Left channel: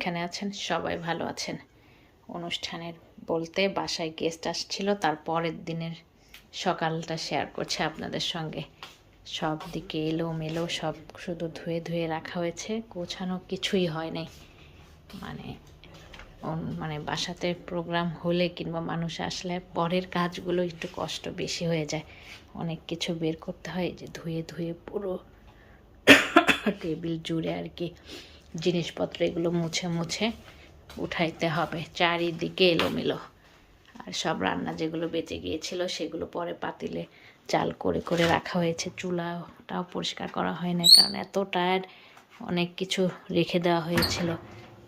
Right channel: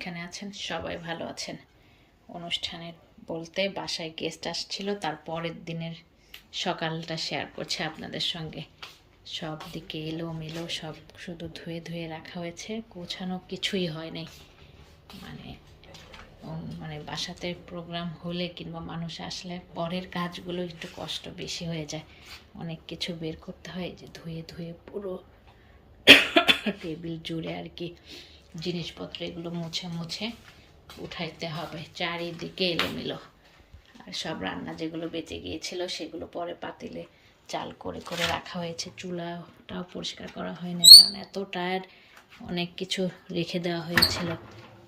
যেখানে আছেন সবাই ভালো আছেন। অনুষ্ঠানের বলতে বাসায় গেস্ট আসছিল, তার পরের দিনের সকালটা শেয়ার করছে আপনাদের সঙ্গে। সব দিকে এলোমেলো, সব শুধু ধুয়ে ধুয়ে রাখা হয়েছে, গোছানো কিছুই হয় নাই। মানে বাসাতে প্রোগ্রাম হলে কিংবা মানুষ আসলে পরের কাজগুলো একটু কষ্ট বেশি হয়ে যায়, অনেক কিছু বের করতে হয়, যে ধুয়ে ধুয়ে পুরো টেবিল জুড়ে আর কি জিনিসপত্র এগুলো মুছে মুছে উঠাইতে হবে। চারিদিকে এলোমেলো। আর সব রান্না যেগুলো বেঁচে গিয়েছিল সেগুলো পরে পাতিলে চাল করে করে রাখা হয়েছে। চুলাটাও পরিষ্কার করা হয় না, কারণ এত টায়ার্ড, অনেক কিছু রেখে দেওয়া হয়েছিল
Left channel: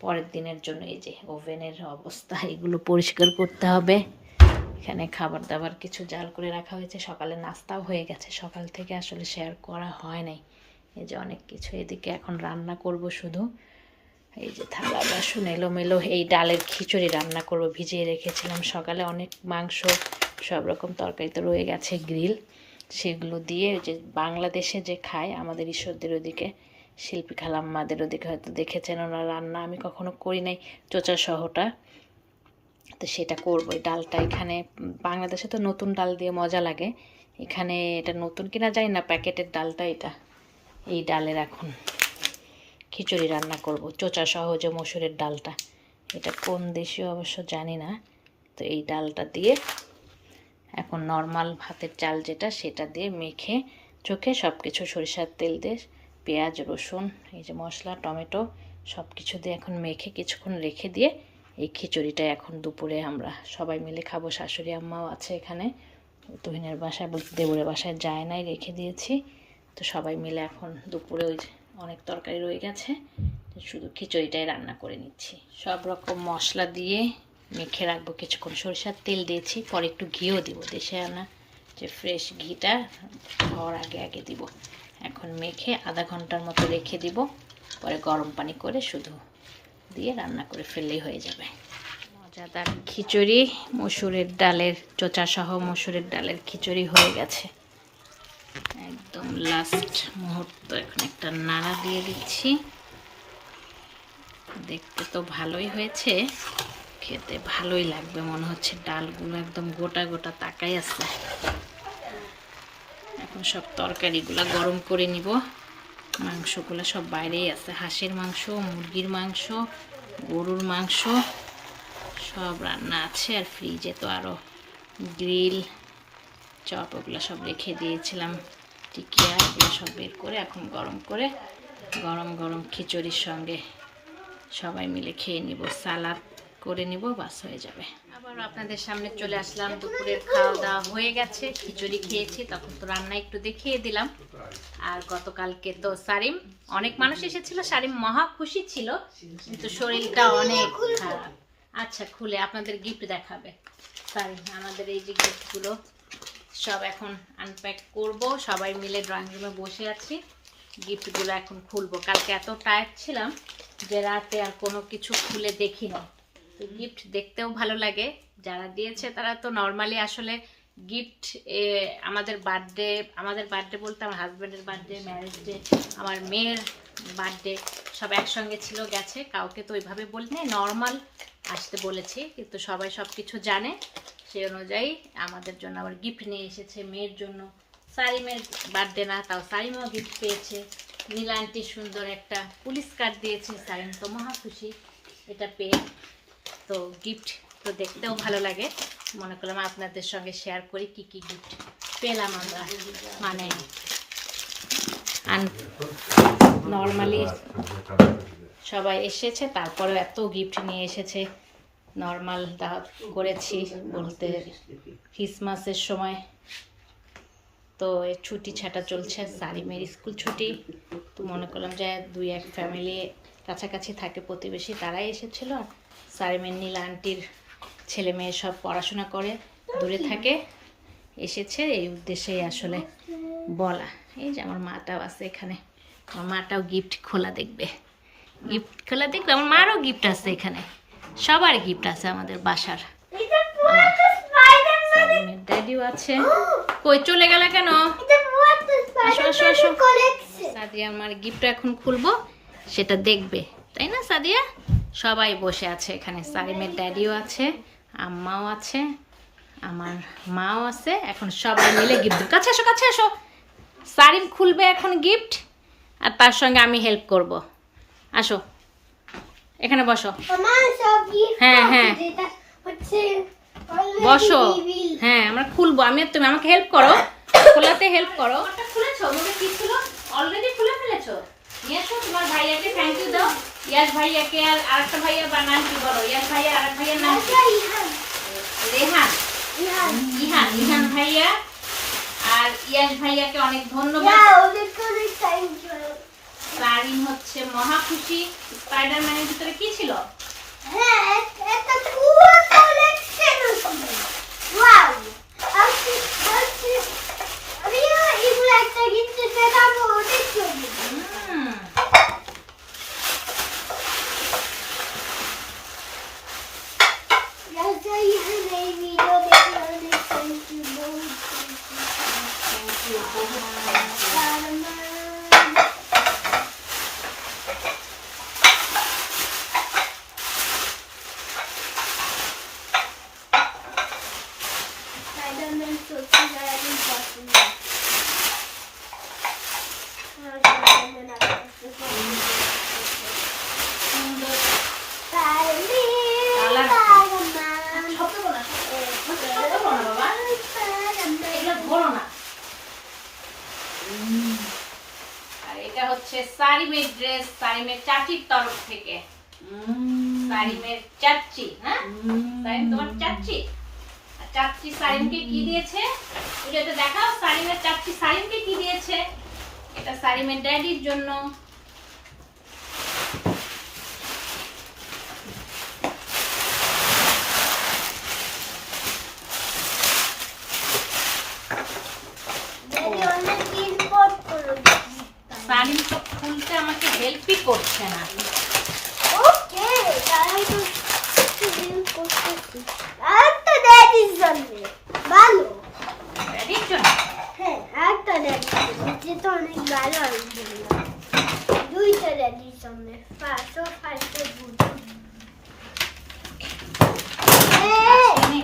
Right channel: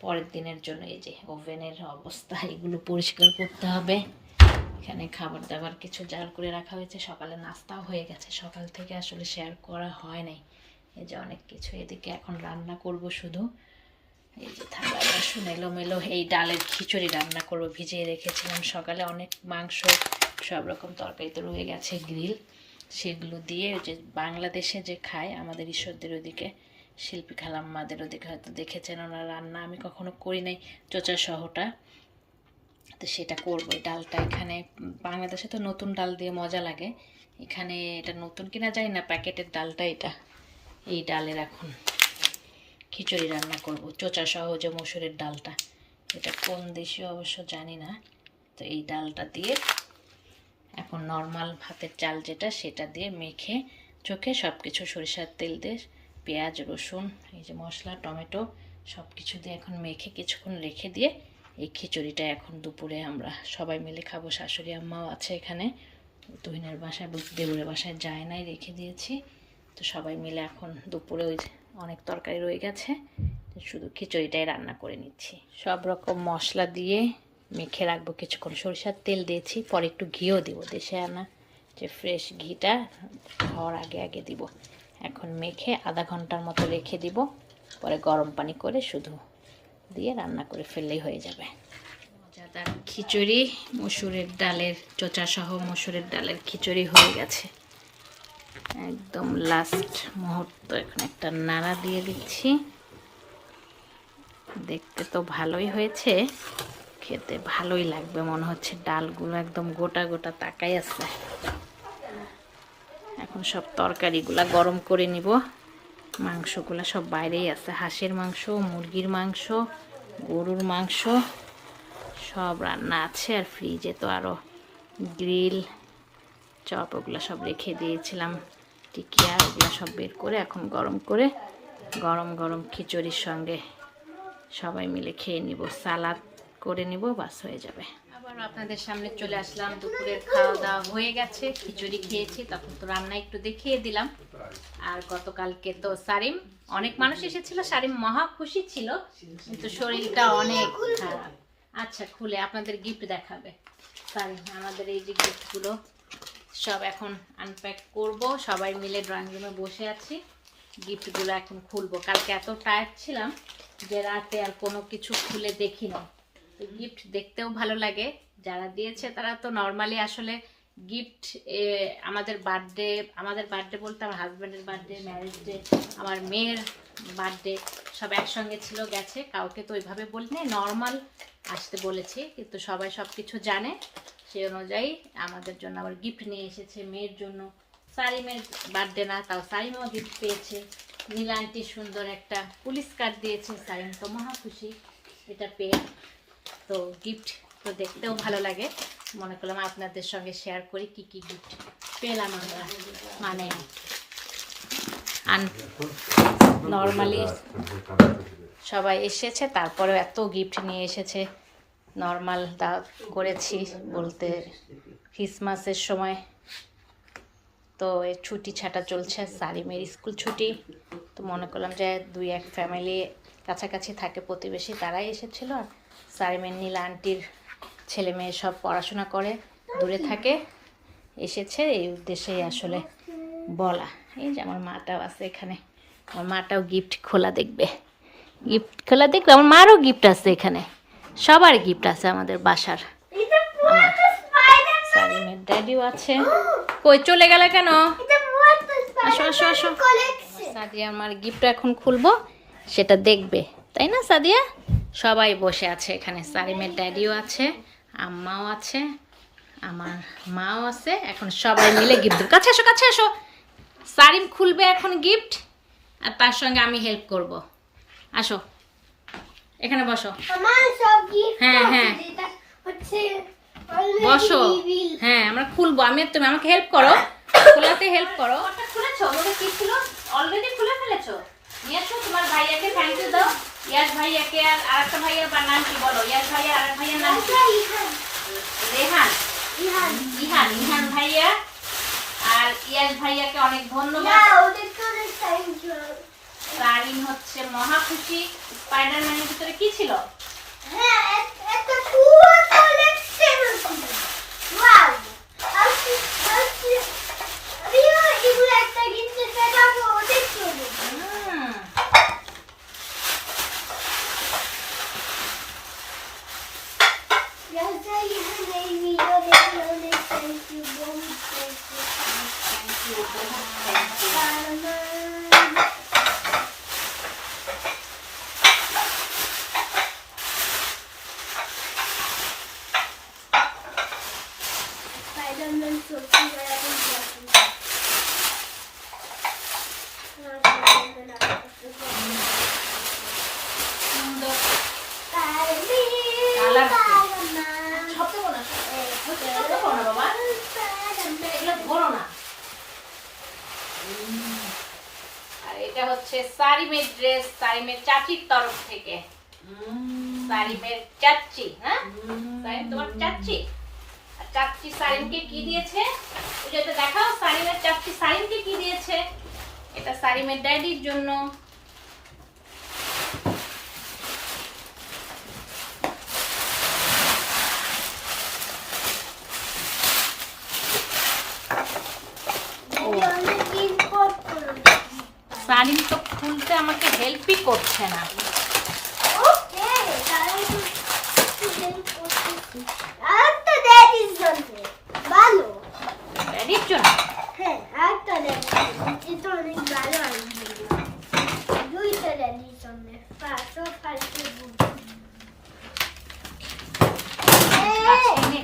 পরের দিনের জন্য। এই যে ওভেনের অবস্থা, এগুলো পরিষ্কার করতে হবে। এখানে খাবার দাবার কিছু জাল করে রাখা হয়েছে, সকালে নাস্তাও হয়ে গেছে, সকাল থেকে আসলে শেয়ার করা হয় নাই। এই যে অনেক কিছু, এদিকে এখন রান্না করব শুধু। এই যে থালা বাসন এলোমেলো। এই ডালের খিচুড়ি রান্না করব, ভিজিয়ে রেখেছিলাম সকালে। অনেক মাংস, সব রকম তরকারি তো রয়ে গেছে, গ্রিল, সেগুলো দিয়ে যে বাংলাদেশে যে খায় আমাদের ঈশ্বরদের ওদিকে, শিল্পী খালাম্মাদের ওদিকে হয়তো দেখেছেন ওনার রান্না, আমি কখনো করি নাই, চোচা সহটা, তো সেটা করবো। এই ডালটা এখানে বাংলাদেশে তো নতুন ডাল দিয়ে মজা লাগে, এখানে এটা নতুন কিনা জানি না, প্যাকেটের ডালটা এটা। এই ডালের এখন খিচুড়ি রান্না করব, চোচা সহ যে মসুরের ডালটা, এটা কোন দেশীয় অবশ্য জানি না। তো এই ডালটা দিয়ে এখন নর্মাল ভাতের চাল যেটা, সেটা দিয়ে মেখে চোখে সব কিছু সরিষার তেল দিয়ে, পেঁয়াজ রসুন, এই যে মশলা টমেটো সব কিছু দিয়ে এখন মেখে কিছুক্ষণ রেখে দিয়ে এই খিচুড়িটা এখন দুপুরে আমরা সবাই মিলে খাবো। শাশুড়ি আম্মাও আছে এখানে, তুহিনের বাসায় বলতে দেবরের বাসায় যায় নাই, রেখে দিয়েছি। তো সবাই মিলে এখন দুপুরে ওই অনেক তরকারি রয়ে গেছে, শুধু খিচুড়িটাই রান্না করে নিচ্ছি। সব রকম মশলা দিয়ে মেখে রাখবো কিছুক্ষণ, সরিষার তেল দিয়েছি, পরে একটু ঘিও দিব, দেশে আনা যে ফ্রেশ ঘিটা হওয়ার আগে আগে দিব। এখন মেখে আধা ঘন্টার মতো রেখে দিব, পরে গরম পানি করে শুধু দিয়ে রান্না করে ফেললেই হয়ে যাবে। মজাদার খিচুড়ি, মসুরের ডালের, চোচা সহ মসুরের ডালের খিচুড়ি হয়ে গেছে। একদম লাস্ট মুহূর্ত, এখন একটা নাড়া দিয়ে দিচ্ছি। দেখতে তো ভালোই হয়েছে, খেতে ভালোই লাগবে মনে হচ্ছে। ডালগুলো একদম গোটা গোটা তাকাই আছে। এখন সব তরকারিগুলা গরম করে নিব। মাংসগুলা সব বাইরেই আছে, হাঁসের মাংস, মুরগির মাংস, গরুর মাংস সব রান্না আছে। আর ফ্রিজে তো আরও গ্রিল, চপ, ওগুলো সব রেখে দিয়েছিলাম, টিকিয়া, এগুলো সব বের করে এখন গরম করে গরম গরম খিচুড়ির সঙ্গে সবাই মিলে খেয়ে নিব। সালাদ করে নিব, বাস হয়ে যাবে। আবার আপনাদের সামনে চলে আসলাম। দুপুরের খাওয়া দাওয়া হয়ে গেছে, খিচুড়ি খেয়েছি, তখন তো রান্না একটু দেখিয়ে দিলাম। আর গতকালকে তো সারিম, অনেক মানুষ এসেছিল, সারিম মহা খুশি ছিল, কিন্তু শরীরটা অনেক খারাপ। আচ্ছা, খুলে আপনাদের গিফট দেখাবে সারিম। আমাদের এই যে গিফটগুলো সব এখন আনপ্যাক করব, সবাই মিলে ড্রয়িং রুমে বসে আছি, গিফটগুলো এখন খুলবো। কালকে এত টায়ার্ড ছিলাম যে রাতে আর কোনো কিছু খুলে দেখি না। তো গিফট দেখতেও ভালো লাগে, যারা দিয়েছে তারা তো নর্মালি আসলে গিফট, আমাদের বার্থডে বলতে আমার হাজব্যান্ডের বার্থডে, ম্যারেজ ডে, আমার মেয়ের বার্থডে সব একসঙ্গে ছিল, গেছে, কাউকে তো ওইভাবে বলি নাই, নর্মাল আসতে বলেছি, কিন্তু সবাই সব কিছু জানে, সেই অনুযায়ী আমাদের জন্য আবার গিফট নিয়ে এসেছে। মেয়ের জন্য, সারিমের বার্থডে না, তাও সারিমও গিফট পেয়েছে। নীলা আন্টি সুন্দর একটা পুলিশ কার্ড দিয়েছে, সারিম তো মহা খুশি এটা পেয়ে। তো গিফট তো দেখতেও ভালো লাগে, মনে করলাম আপনাদের সঙ্গে শেয়ার করি কি কি গিফট পেলাম আমরা। মানে নর্মালি সবাই এসেছে, তারপরেও এত গিফট নিয়ে এসেছে। নর্মাল দাওয়াত করেছি বলতে ক্রিসমাসের সময়, তো এর ছুটি ছাটা চলছে, সারিমের স্কুল ছুটি, তো মনে করলাম যে দুই এক ফ্যামিলি কাছাকাছি থাকে প্রতিবেশী, তারাই এসেছিল। আর সারিমের নীলা আন্টির ছেলে মেয়ে সব পড়াশোনা করে, দূরে থাকে, এসেছে, এই উদ্দেশ্যেই আসলে বলা। এই যে আমার মাটাও আছে এখানে, আমার মাটাও গিফট খোলা দেখবে, আমার মারও গিফট আছে এখানে, সবার গিফট আছে আমাদের বাসার। সারিমের ড্যাডিও আছে। কই চলে গেল কেন? আসো আসো আসো। সাদিয়া আমার গিফট এখন খুলবো, সেটা দেখবে, তাই না সাদিয়া? সবাই বসে আছে এখানে। সারিমের ড্যাডিও আছে, আম্মাও আছে, আমার মাও আছে। এখন সবাই মিলে গিফট, কাছে এসো কাছে এসো। সারিম খুলবে এখন গিফট, আর তার সঙ্গে আমি হেল্প করব। আসো এখানে বসো। হ্যাঁ হ্যাঁ বসো। হ্যাঁ আমরা খুলবো, আমি আর তুমি। আমাকে হেল্প করো, খোলাতে হেল্প করো। খুলেছো? ওটা কি ছিল? অলরেডি খুলে ফেলেছো? নিয়েছো তোমার ভাইয়াকে থ্যাংক ইউ দাও। ইয়াস ভাইয়াকে আর আরেকটা ভাইয়া বা নাম কি বলো? ইয়াস ভাইয়া আরেক ভাইয়ার নাম কি? রেহান, ইহান। ইহান ভাইয়া আর ইয়াস ভাইয়াকে অনেক ধন্যবাদ। সারিন হচ্ছে মহা খুশি। স্পাইডারম্যানের ভিতরে কি ছিল? হ্যাঁ একটা পুরো কালেকশন ছিল। ওয়াও, আমি এগুলো একটা গিফট দেখাবো, দেখো। আর এটা হচ্ছে সারিমের ড্রেস, সারিমের চাচির তরফ থেকে। সারিমের চাচি, হ্যাঁ সারিম তোমার চাচি। আর চাচি সারিমকে কি দিয়েছে? এটা দেখাও, সারিমের চাচি সারিমকে কি দিয়েছে? এটা সারিমের ড্যাডির জন্য। সারিম তো খুলতে আমাকে হেল্পই করছে না। ওকে, তাহলে তো হেল্প করতেছি। আরেকটা ড্যাডির জন্য ভালো। ড্যাডির জন্য? হ্যাঁ, আরেকটা ড্যাডির জন্য, যেটা অনেক ভালো আলহামদুলিল্লাহ। দুইটা ড্যাডির জন্য। ফার্স্ট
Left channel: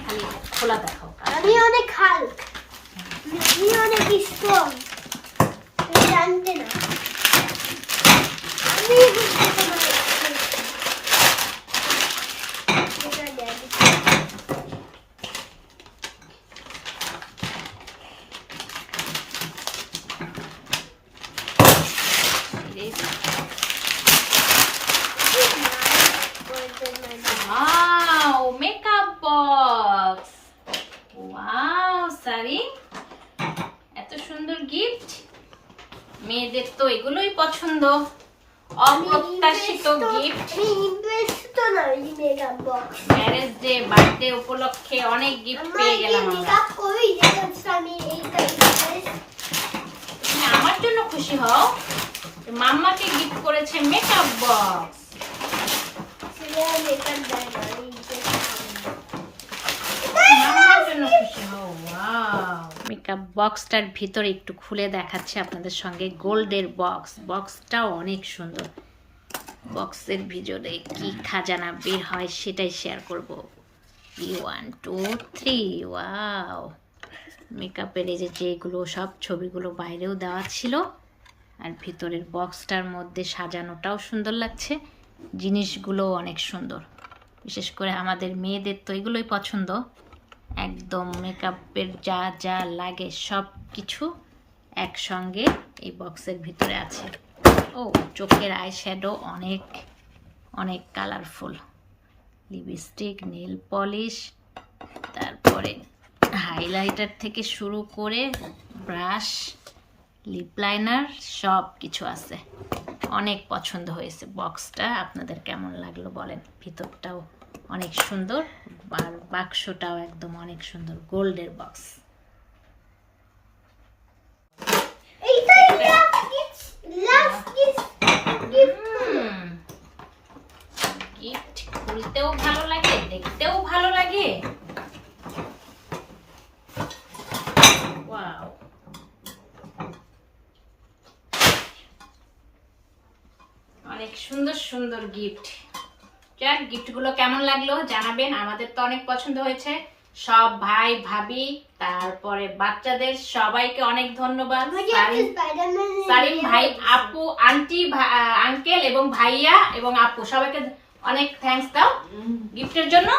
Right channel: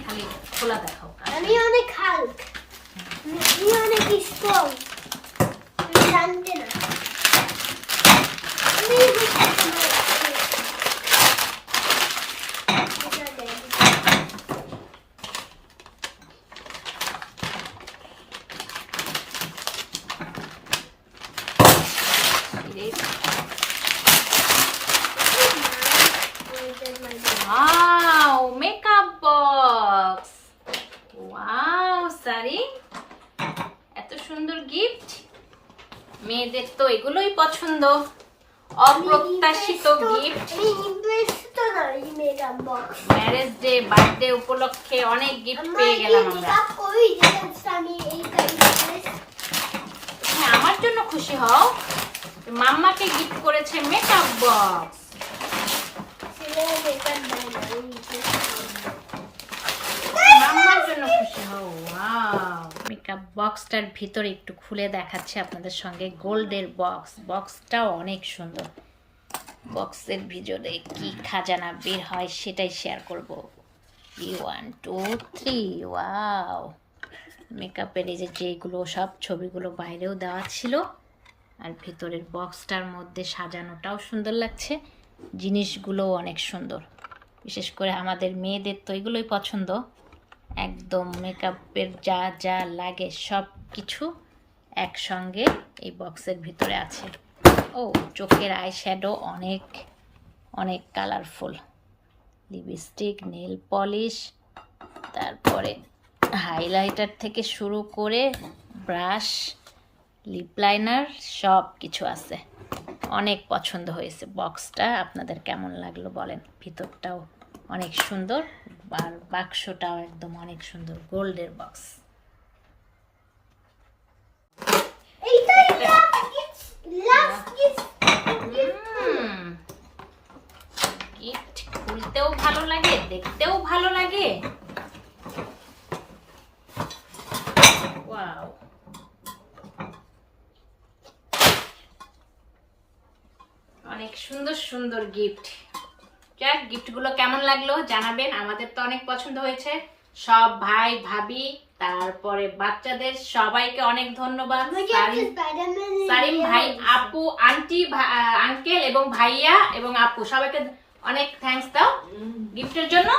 খালি খোলা দেখাও। আমি অনেক হাল্ক, আমি অনেক স্ট্রং, তুমি জানতে না। আমি হচ্ছে তোমার মেকআপ বক্স। ওয়াও সারিম, এত সুন্দর গিফট। মেয়েদের তো এগুলোই পছন্দ, অপ্রত্যাশিত গিফট। ম্যারেজ ডে, বার্থডে উপলক্ষে অনেক গিফট পেয়ে গেলাম আমরা। আমার জন্য খুশি হও, মাম্মাকে গিফট করেছে মেকআপ বক্স। মেকআপ বক্সটার ভিতরে একটু খুলে দেখাচ্ছে আপনাদের সঙ্গে। গোল্ডের বক্স, বক্সটাও অনেক সুন্দর। বক্সের ভিতরে কি খাজানা বের হয় সেটাই শেয়ার করব। 1 2 3 ওয়াও। মেকআপের এই যেগুলো সব ছবিগুলো বাইরেও দেওয়া ছিল, আর ভিতরের বক্সটার মধ্যে সাজানোটাও সুন্দর লাগছে। জিনিসগুলো অনেক সুন্দর, বিশেষ করে আমাদের মেয়েদের তো এগুলোই পছন্দ। একদম মেকআপের যা যা লাগে সব কিছু একসঙ্গে এই বক্সের ভিতরে আছে। ও চোখের আই শ্যাডো অনেক অনেক কালারফুল, লিপস্টিক, নেল পলিশ, তারপরে হাইলাইটার থেকে শুরু করে ব্রাশ, লিপ লাইনার সব কিছু আছে। অনেক পছন্দ হয়েছে বক্সটা। আপনাদের কেমন লাগলো বলেন। ভিতরটাও অনেক সুন্দর, আর বাক্সটাও একদম অনেক সুন্দর, গোল্ডের বক্স। গিফট খুলতেও ভালো লাগে, দেখতেও ভালো লাগে। ওয়াও, অনেক সুন্দর সুন্দর গিফট। যাক, গিফটগুলো কেমন লাগলো জানাবেন। আমাদের তো অনেক পছন্দ হয়েছে। সব ভাই ভাবি তারপরে বাচ্চাদের সবাইকে অনেক ধন্যবাদ। সারিম ভাই, আপু, আন্টি, আঙ্কেল এবং ভাইয়া এবং আপু সবাইকে অনেক থ্যাঙ্কস দাও গিফটের জন্য।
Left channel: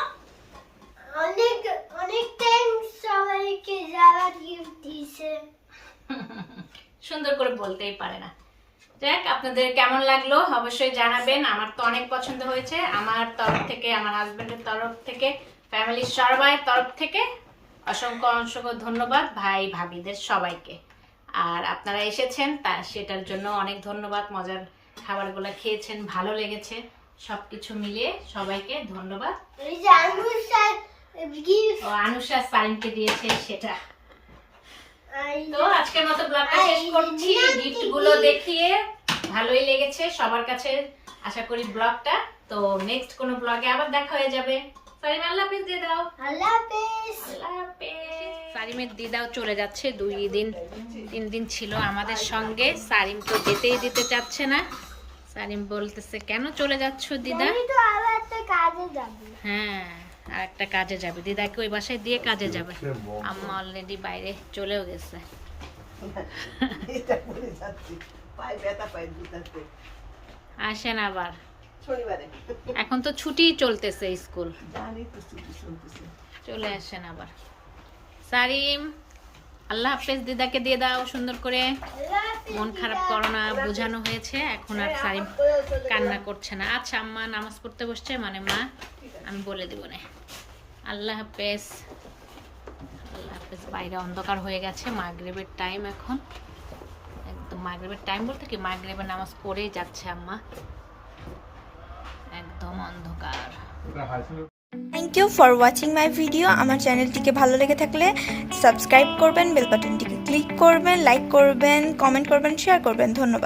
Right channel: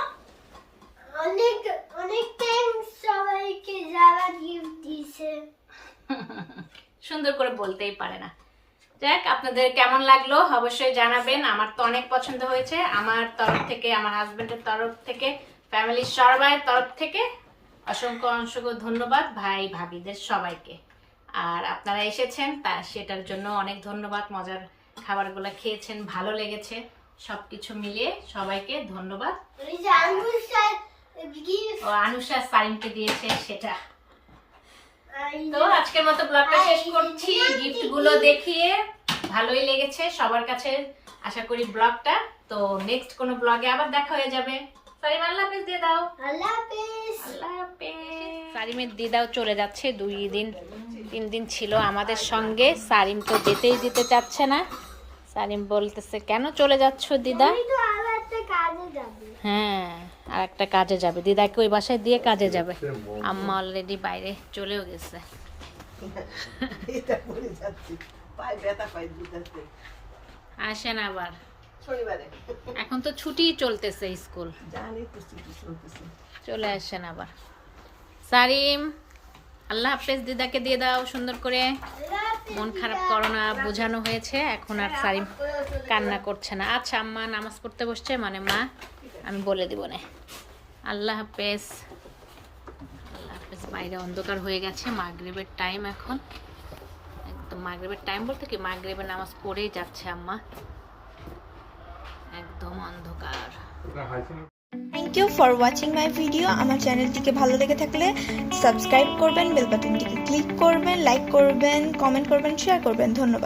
অনেক অনেক থ্যাঙ্কস সবাইকে যারা গিফট দিয়েছে। সুন্দর করে বলতেই পারে না। যাক, আপনাদের কেমন লাগলো অবশ্যই জানাবেন। আমার তো অনেক পছন্দ হয়েছে। আমার তরফ থেকে, আমার হাজবেন্ডের তরফ থেকে, ফ্যামিলির সবার তরফ থেকে অসংখ্য অসংখ্য ধন্যবাদ ভাই ভাবিদের সবাইকে। আর আপনারা এসেছেন তা সেটার জন্য অনেক ধন্যবাদ। মজার খাবারগুলো খেয়েছেন, ভালো লেগেছে, সবকিছু মিলিয়ে সবাইকে ধন্যবাদ। আনুষা সারিমকে দিয়েছে সেটা। তো আজকের মতো ব্লগটা শেষ করছি। গিফট গুলো দেখিয়ে ভালোই লেগেছে সবার কাছে আশা করি ব্লগটা। তো নেক্সট কোনো ব্লগে আবার দেখা হয়ে যাবে। সারিম আল্লাহ হাফেজ দিয়ে দাও। আল্লাহ হাফেজ। আল্লাহ হাফেজ। সারিমের দিদাও চলে যাচ্ছে, 2 দিন 3 দিন ছিল আমাদের সঙ্গে। সারিম তো যেতেই দিতে চাচ্ছে না। সারিম বলতেছে কেন চলে যাচ্ছ দিদা? আমি তো আবার একটা কাজে যাব। হ্যাঁ, আর একটা কাজে যাবে, দিদাকে ওই বাসায় দিয়ে কাজে যাবে। আম্মা অলরেডি বাইরে চলেও গেছে। আসেন আবার, এখন তো ছুটি চলতেছে স্কুল, চলে আসেন আবার। সারিম আল্লাহ হাফেজ দিদাকে দিয়ে দাও সুন্দর করে। মন খারাপ করো না, বোঝানো হয়েছে, এখন আর সারিম কান্না করছে না। আচ্ছা আম্মা নামাজ পড়তে বসছে, মানে মা আমি বলে দিব না। আল্লাহ হাফেজ। আল্লাহ হাফেজ। বাইরে অন্ধকার হয়ে গেছে, মাগরিবের টাইম এখন, একদম মাগরিবের টাইম বলতে কি মাগরিবের নামাজ পড়েই যাচ্ছে আম্মা, একদম অন্ধকার। Thank you for watching my video. আমার চ্যানেলটিকে ভালো লেগে থাকলে সাবস্ক্রাইব করবেন, বেল বাটনটিকে ক্লিক করবেন, লাইক করবেন, কমেন্ট করবেন, শেয়ার করবেন। ধন্যবাদ।